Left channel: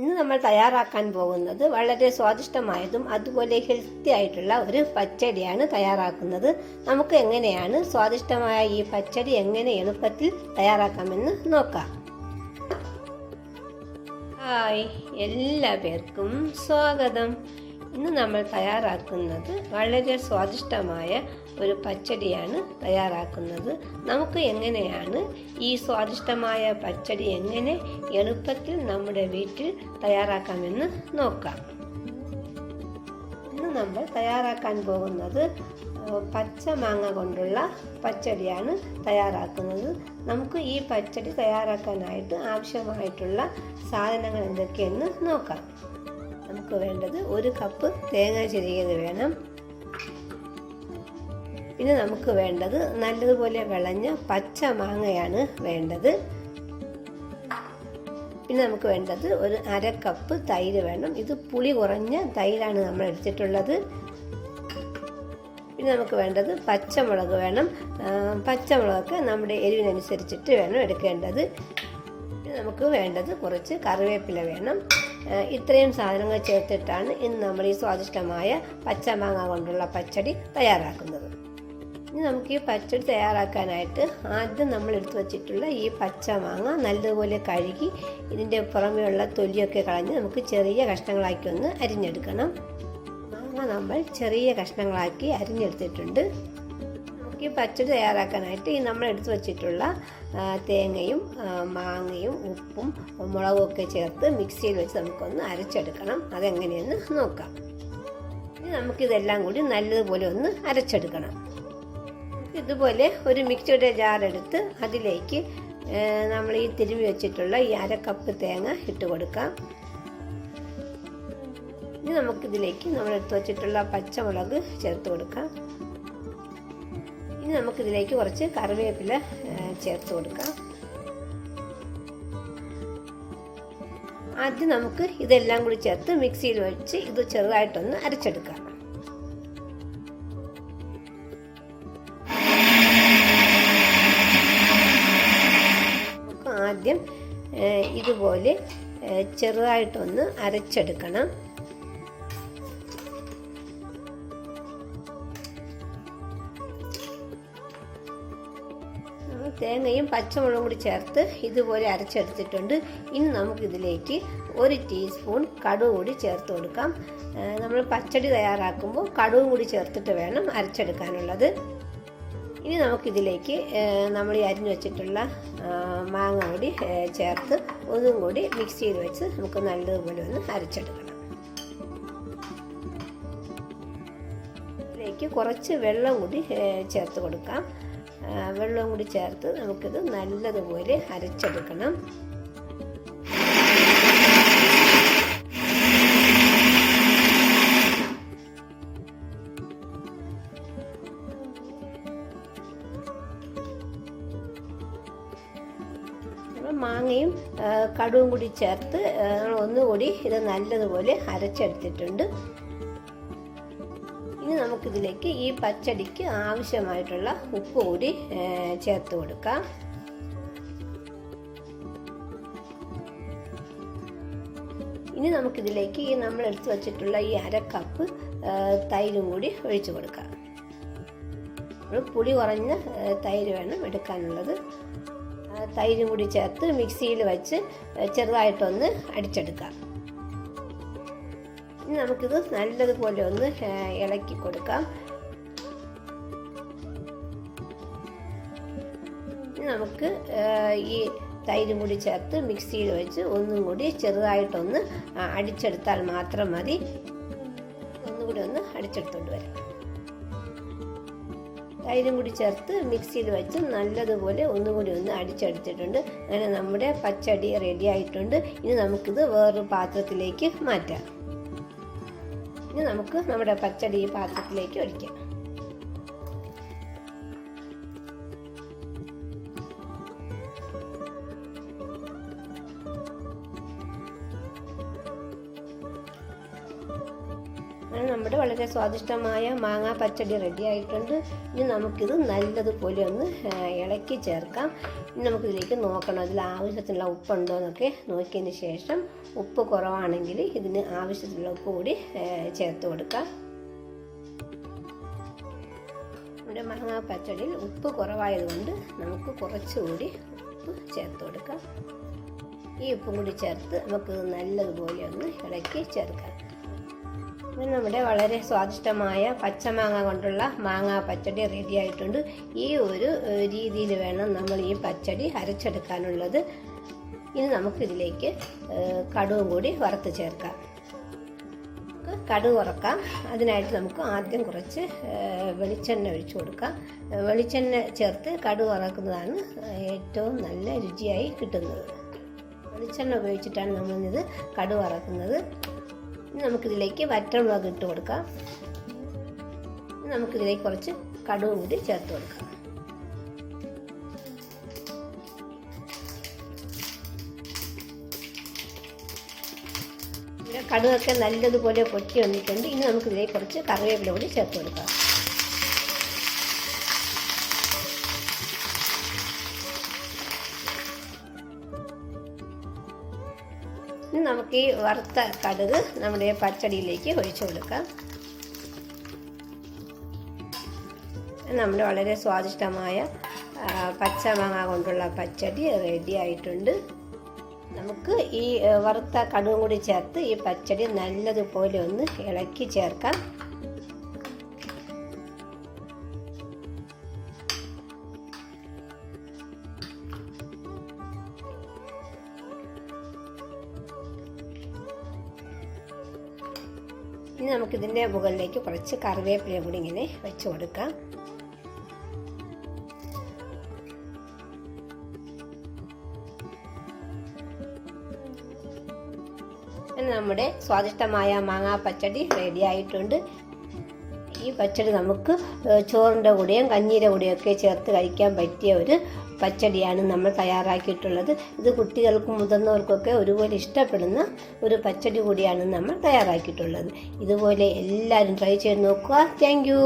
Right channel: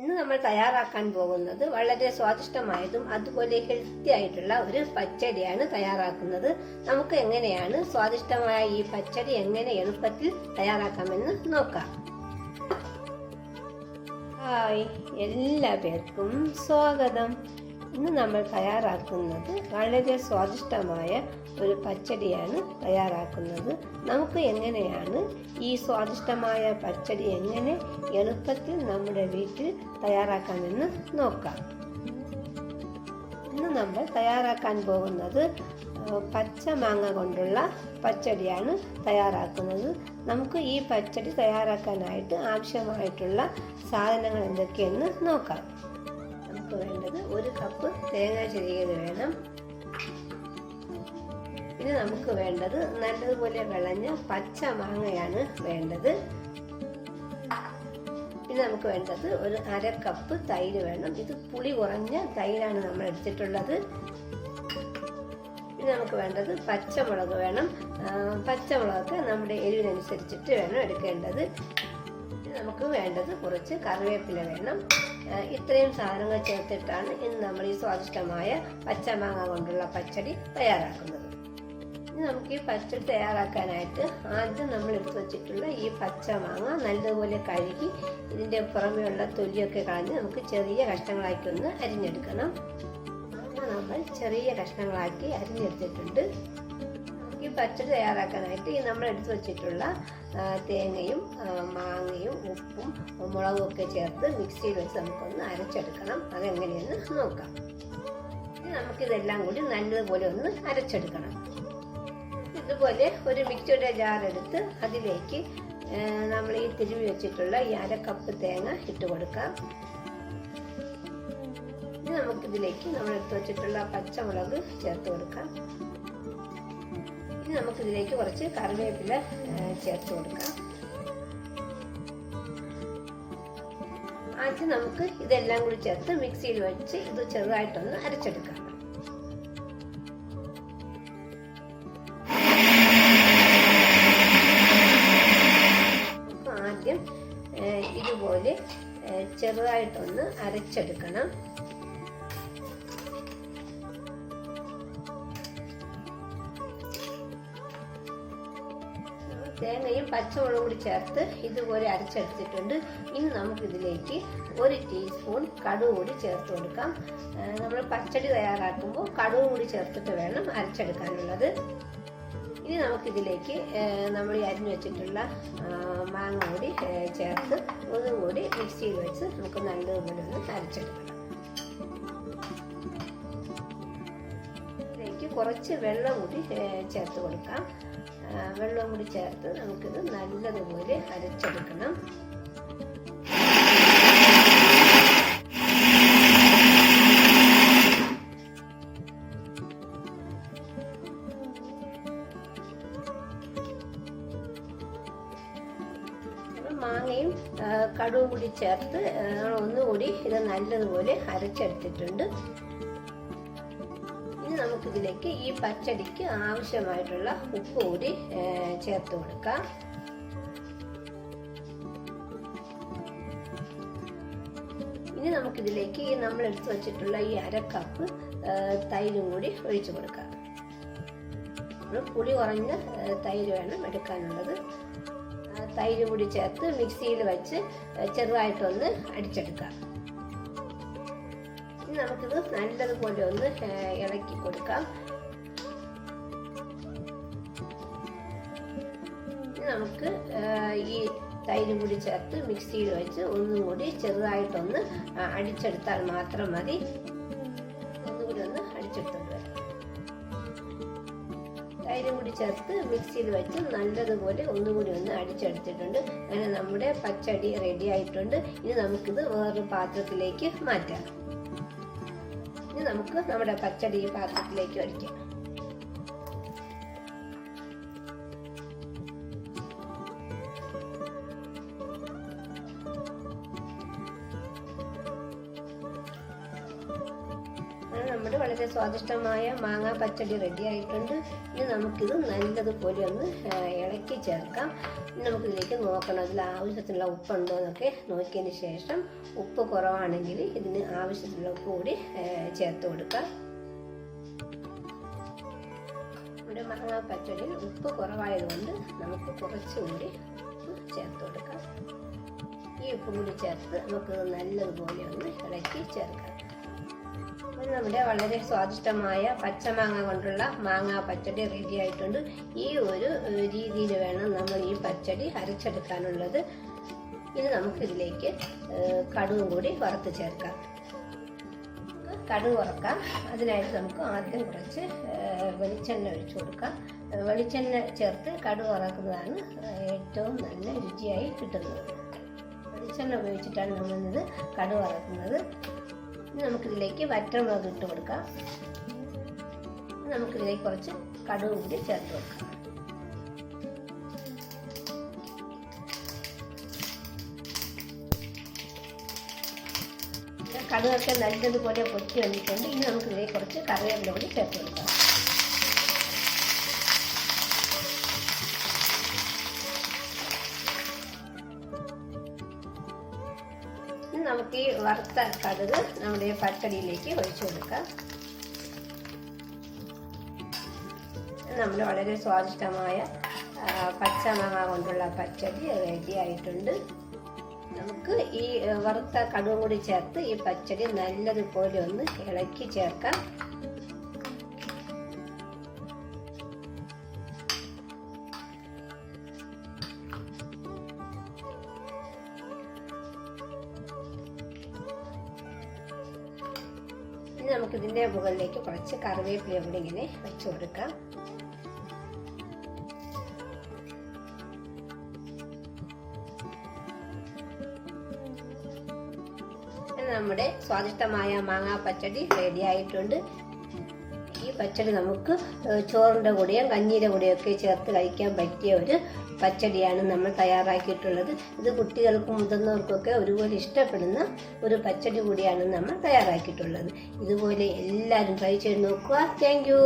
ഇന്ന് നമ്മൾ തയ്യാറാക്കാൻ പോകുന്നത് വളരെ സ്വാദിഷ്ടമായതും അതുപോലെ ഹെൽത്തി ആയിട്ടുള്ള ഒരു പച്ചടിയാണ് തയ്യാറാക്കുന്നത്. നമുക്ക് എങ്ങനെയാണ് സ്വാദിഷ്ടമായ ഈ പച്ചടി എങ്ങനെ എളുപ്പത്തിൽ തയ്യാറാക്കാമെന്ന് നോക്കാം. ഹായ്, എല്ലാ പേർക്കും സ്വാഗതം. ഇന്ന് നമ്മൾ തയ്യാറാക്കുന്നത് വളരെ സ്വാദിഷ്ടമായ ഒരു പച്ചടിയാണ് തയ്യാറാക്കുന്നത്. നമുക്ക് എങ്ങനെയാണ് ഈ സ്വാദിഷ്ടമായ പച്ചടി എങ്ങനെ എളുപ്പത്തിൽ നമ്മുടെ വീട്ടിൽ തയ്യാറാക്കാമെന്ന് നോക്കാം. ഇന്ന് നമ്മൾ തയ്യാറാക്കാൻ പോകുന്നത് പച്ച മാങ്ങ കൊണ്ടുള്ള പച്ചടിയാണ് തയ്യാറാക്കുന്നത്. നമുക്ക് ഈ പച്ചടി തയ്യാറാക്കാനായിട്ട് ആവശ്യമായിട്ടുള്ള സാധനങ്ങൾ എന്തൊക്കെയെന്ന് നോക്കാം. നമുക്ക് വേണ്ടത് 1 കപ്പ് തേങ്ങ ചിരകിയത് വേണം. പിന്നെ നമുക്ക് വേണ്ടത് നല്ലതുപോലെ വിളഞ്ഞ പച്ച മാങ്ങയാണ് വേണ്ടത്. പിന്നെ നമുക്ക് വേണ്ടത് 1/2 കപ്പ് തൈര് വേണം. ഇത് പുളി കുറഞ്ഞ തൈരാണ് നമ്മൾ എടുത്തിട്ടുള്ളത്. പിന്നെ നമുക്ക് വേണ്ടത് പച്ചമുളക് വേണം. പച്ചമുളകൊക്കെ നമ്മുടെ എരിവിനനുസരിച്ചിട്ട് വേണം എടുക്കേണ്ടത്. നമുക്ക് വേണ്ടത് കുറച്ച് കറിവേപ്പില വേണം. ഇത്രയും സാധനങ്ങൾ ചേർത്തിട്ടാണ് ഇന്ന് നമ്മൾ ഈ സ്വാദിഷ്ടമായ പച്ചമാങ്ങ കൊണ്ടുള്ള പച്ചടി തയ്യാറാക്കുന്നത്. ഇനി നമുക്ക് ഈ പച്ചടി തയ്യാറാക്കാനായിട്ട് ആദ്യം നമ്മൾ എടുത്തു വച്ചിട്ടുള്ള ഈ പച്ചമാങ്ങ നല്ലതുപോലെ കഴുകി ഇതിൻ്റെ പുറമെയുള്ള തൊലിയൊക്കെ കളഞ്ഞ് നമുക്ക് ചെറിയ കഷ്ണങ്ങളാക്കി ഒന്ന് അരിഞ്ഞെടുക്കണം. മാങ്ങ നമ്മൾ ചെറിയ കഷ്ണങ്ങളാക്കി അരിഞ്ഞെടുത്തിട്ടുണ്ട്. ഈ പച്ചടി തയ്യാറാക്കാനായിട്ട് ഈ നമ്മൾ എടുത്തു വച്ചിട്ടുള്ള തേങ്ങയും മാങ്ങയും ഉപ്പും മുളകും ഒക്കെ ചേർത്ത് മിക്സിയിൽ വെച്ച് നമുക്കൊന്ന് അരച്ചെടുക്കണം. അതെങ്ങനെയെന്ന് നോക്കാം. ഇനി നമുക്കിതെല്ലാം കൂടി നല്ലതുപോലെ ഒന്ന് അരച്ചെടുക്കണം. ഇതുപോലെ ഒരു മിക്സിയുടെ ജാറെടുത്ത് അതിലേക്ക് നമ്മൾ ഈ തിരുമ്മി വെച്ചിട്ടുള്ള ഈ 1/2 കപ്പ് തേങ്ങ ഇട്ട് കൊടുക്കാം. ഇനി നമുക്കിതിലേക്ക് നമ്മൾ എടുത്തു വച്ചിട്ടുള്ള പച്ചമുളക് ചേർത്ത് കൊടുക്കാം. ഇനി നമുക്കിതിലേക്ക് കുറച്ച് കറിവേപ്പില ചേർത്ത് കൊടുക്കാം. ആദ്യം നമുക്ക് ഇതെല്ലാം കൂടി ചേർത്ത് മിക്സിയിൽ വെച്ച് ഇത് ചെറുതായിട്ടൊന്ന് അരച്ചെടുക്കാം. ആദ്യം ഇതുപോലെ ചെറുതായിട്ടൊന്ന് അരച്ചെടുക്കണം. തേങ്ങയും പച്ചമുളകും കൂടി ചേർത്ത് ഇതുപോലെ അരച്ചെടുത്തിട്ടുണ്ട്. ഇനി നമുക്കിതിലേക്ക് 1 ടീസ്പൂൺ കടുക് കൂടി ചേർത്ത് കൊടുക്കാം. നമ്മൾ പച്ചടി തയ്യാറാക്കുമ്പോൾ കടുക് കൂടി ചേർത്തിട്ട് വേണം അരച്ചെടുക്കാനുള്ളത്. ഇനി നമുക്കിതിലേക്ക് നമ്മൾ ഈ അരിഞ്ഞു വെച്ചിട്ടുള്ള മാങ്ങ കൂടി ചേർത്ത് ഒന്നും കൂടി മിക്സിയിൽ വെച്ച് നമുക്ക് നല്ലതുപോലെ ഒന്ന് അരച്ചെടുക്കണം. ഇതിലേക്ക് കുറച്ച് വെള്ളം കൂടി ചേർത്ത് കൊടുക്കാം. വെള്ളം കൂടി ചേർത്ത് നമുക്കിത് നല്ലതുപോലെ അരച്ചെടുക്കണം. മാങ്ങയും കടുവും കൂടി ചേർത്ത് ഒന്നുകൂടി ഇത് നല്ലതുപോലെ അരച്ചെടുത്തിട്ടുണ്ട്. ഇനി നമുക്കിതിലേക്ക് ഈ പച്ചടിക്ക് ആവശ്യമായിട്ടുള്ള ഉപ്പ് കൂടി ചേർത്ത് കൊടുക്കാം. ഇനി നമുക്കിതിലേക്ക് ഈ നമ്മൾ എടുത്തു വച്ചിട്ടുള്ള ഈ 1/2 കപ്പ് തൈരും കൂടി ഒഴിച്ചു കൊടുക്കാം. പുളി കുറഞ്ഞ തൈര് വേണം എടുക്കാനുള്ളത്. തൈരും കൂടി ചേർത്ത് മിക്സിയിൽ വെച്ച് ചെറുതായിട്ടൊന്ന് അടിച്ചെടുക്കാം. ഇനി നമുക്കിത് നല്ലതുപോലെ ഒന്ന് ഇളക്കി കൊടുക്കാം. നമുക്ക് ഈ തൈരും കൂടി ചേർത്ത് മിക്സിയിൽ വെച്ച് ഒന്നും കൂടി ചെറുതായിട്ടൊന്ന് അടിച്ചെടുത്താൽ മാത്രം മതി. ഒന്നുകൂടി ഒന്ന് അടിച്ചെടുത്തോണ്ട് വരാം. തൈരും കൂടി ചേർത്ത് മിക്സിയിൽ വെച്ച് നല്ലതുപോലെ ഒന്നുകൂടി ഒന്ന് അടിച്ചെടുത്തിട്ടുണ്ട്. അങ്ങനെ നമ്മുടെ പച്ചടി റെഡി ആയിട്ടുണ്ട്. ഇനി നമുക്കിത് വേറൊരു പാത്രത്തിലേക്ക് മാറ്റാം. ഇനി നമുക്ക് നമ്മുടെ പച്ചടി ഈ പാത്രത്തിലേക്ക് ഒഴിക്കാം. നമ്മുടെ വളരെ സ്വാദിഷ്ടമായ മാങ്ങാ പച്ചടി റെഡി ആയിട്ടുണ്ട്. ഇനി നമുക്കിത് നല്ലതുപോലെ ഒന്ന് ഇളക്കി ചേർക്കാം. ഇനി നമുക്കിതിലേക്ക് നോക്കണം ഇതിൽ ആവശ്യത്തിനുള്ള ഉപ്പുണ്ടോ എന്നൊക്കെ നോക്കിയതിന് ശേഷം ഉപ്പ് കുറവാണെങ്കിൽ ഇതിന് ആവശ്യത്തിനുള്ള ഉപ്പ് കൂടി ചേർത്ത് കൊടുക്കാം. നമ്മുടെ മാങ്ങാ പച്ചടിയിൽ ഉപ്പ് കുറവായതുകൊണ്ട് നമുക്ക് കുറച്ചുകൂടി ഉപ്പ് ചേർത്ത് കൊടുക്കാം. ഈ ഉപ്പും കൂടി ചേർത്ത് നമുക്ക് നല്ലതുപോലെ ഒന്ന് ഇളക്കി ചേർക്കാം. നമ്മുടെ വളരെ സ്വാദിഷ്ടമായ പച്ചമാങ്ങ കൊണ്ടുള്ള മാങ്ങാ പച്ചടി റെഡി ആയിട്ടുണ്ട്. ഈ ഒരു രീതിയിൽ വേണം നമ്മൾ ഈ പച്ചടി അരച്ചെടുക്കാനുള്ളത്. ഇനി നമുക്കിതിലേക്ക് കടുകും കൂടി വറുത്ത് ചേർക്കാം. കടുക് വറക്കാം. അതിനായിട്ട് നമുക്ക് ആദ്യം കുറച്ച് വെളിച്ചെണ്ണ ഒഴിച്ചു കൊടുക്കാം. വെളിച്ചെണ്ണ ചേർത്ത് കടുക് വറക്കുന്നതാണ് ഏറ്റവും നല്ല രുചിയായി കിട്ടുന്നത്. വെളിച്ചെണ്ണ ഉപയോഗിച്ചിട്ടാണ് നമ്മളിത് കടുക് വറക്കുന്നത്. ഇനി നമുക്കിതിലേക്ക് വറ്റൽമുളക് ഇട്ട് കൊടുക്കാം. നമുക്കിതിലേക്ക് കുറച്ച് കടുക് കൂടി ചേർത്ത് കൊടുക്കാം. കടുകൊക്കെ നല്ലതുപോലെ പൊട്ടി വന്നിട്ടുണ്ട്. ഇനി നമുക്കിതിലേക്ക് കുറച്ച് കറിവേപ്പില കൂടി ചേർത്ത് കൊടുക്കാം. ഇനി നമുക്ക് ഈ വറുത്ത കടുക് നമ്മുടെ പച്ചടിയിലേക്ക് ഒഴിച്ചു കൊടുക്കാം. നമ്മുടെ വളരെ സ്വാദിഷ്ടമായ പച്ചമാങ്ങ കൊണ്ടുള്ള പച്ചടി റെഡി ആയിട്ടുണ്ട്. നമുക്ക് ഈ വറുത്ത കടുകും കൂടി ചേർത്ത് ഈ പച്ചടി നല്ലതുപോലെ ഒന്ന് ഇളക്കി ചേർക്കാം. ഇനി നമുക്കിതിൻ്റെ മുകളിലേക്ക് കുറച്ച് കറിവേപ്പില കൂടി ഇങ്ങനെ വെച്ച് കൊടുക്കാം. നമ്മുടെ സ്വാദിഷ്ടമായ മാങ്ങാ പച്ചടി റെഡി ആയിട്ടുണ്ട്. ഈ പച്ചടി നമുക്ക് ചോറിൻ്റെ കൂടെയും കഞ്ഞിയുടെ കൂടെയും ഒക്കെ ചേർത്ത് കഴിക്കാൻ പറ്റിയ ഒരു പച്ചടിയാണ് നമ്മൾ തയ്യാറാക്കിയിട്ടുള്ളത്. ഇത് കുട്ടികൾക്കും മുതിർന്നവർക്കൊക്കെ ഒരുപോലെ ഇഷ്ടപ്പെടുന്ന ഒരു പച്ചടി കൂടിയാണ് നമ്മൾ തയ്യാറാക്കിയിട്ടുള്ളത്. ഇതുപോലെ എല്ലാവരും ട്രൈ ചെയ്ത് നോക്കുക. Thank you.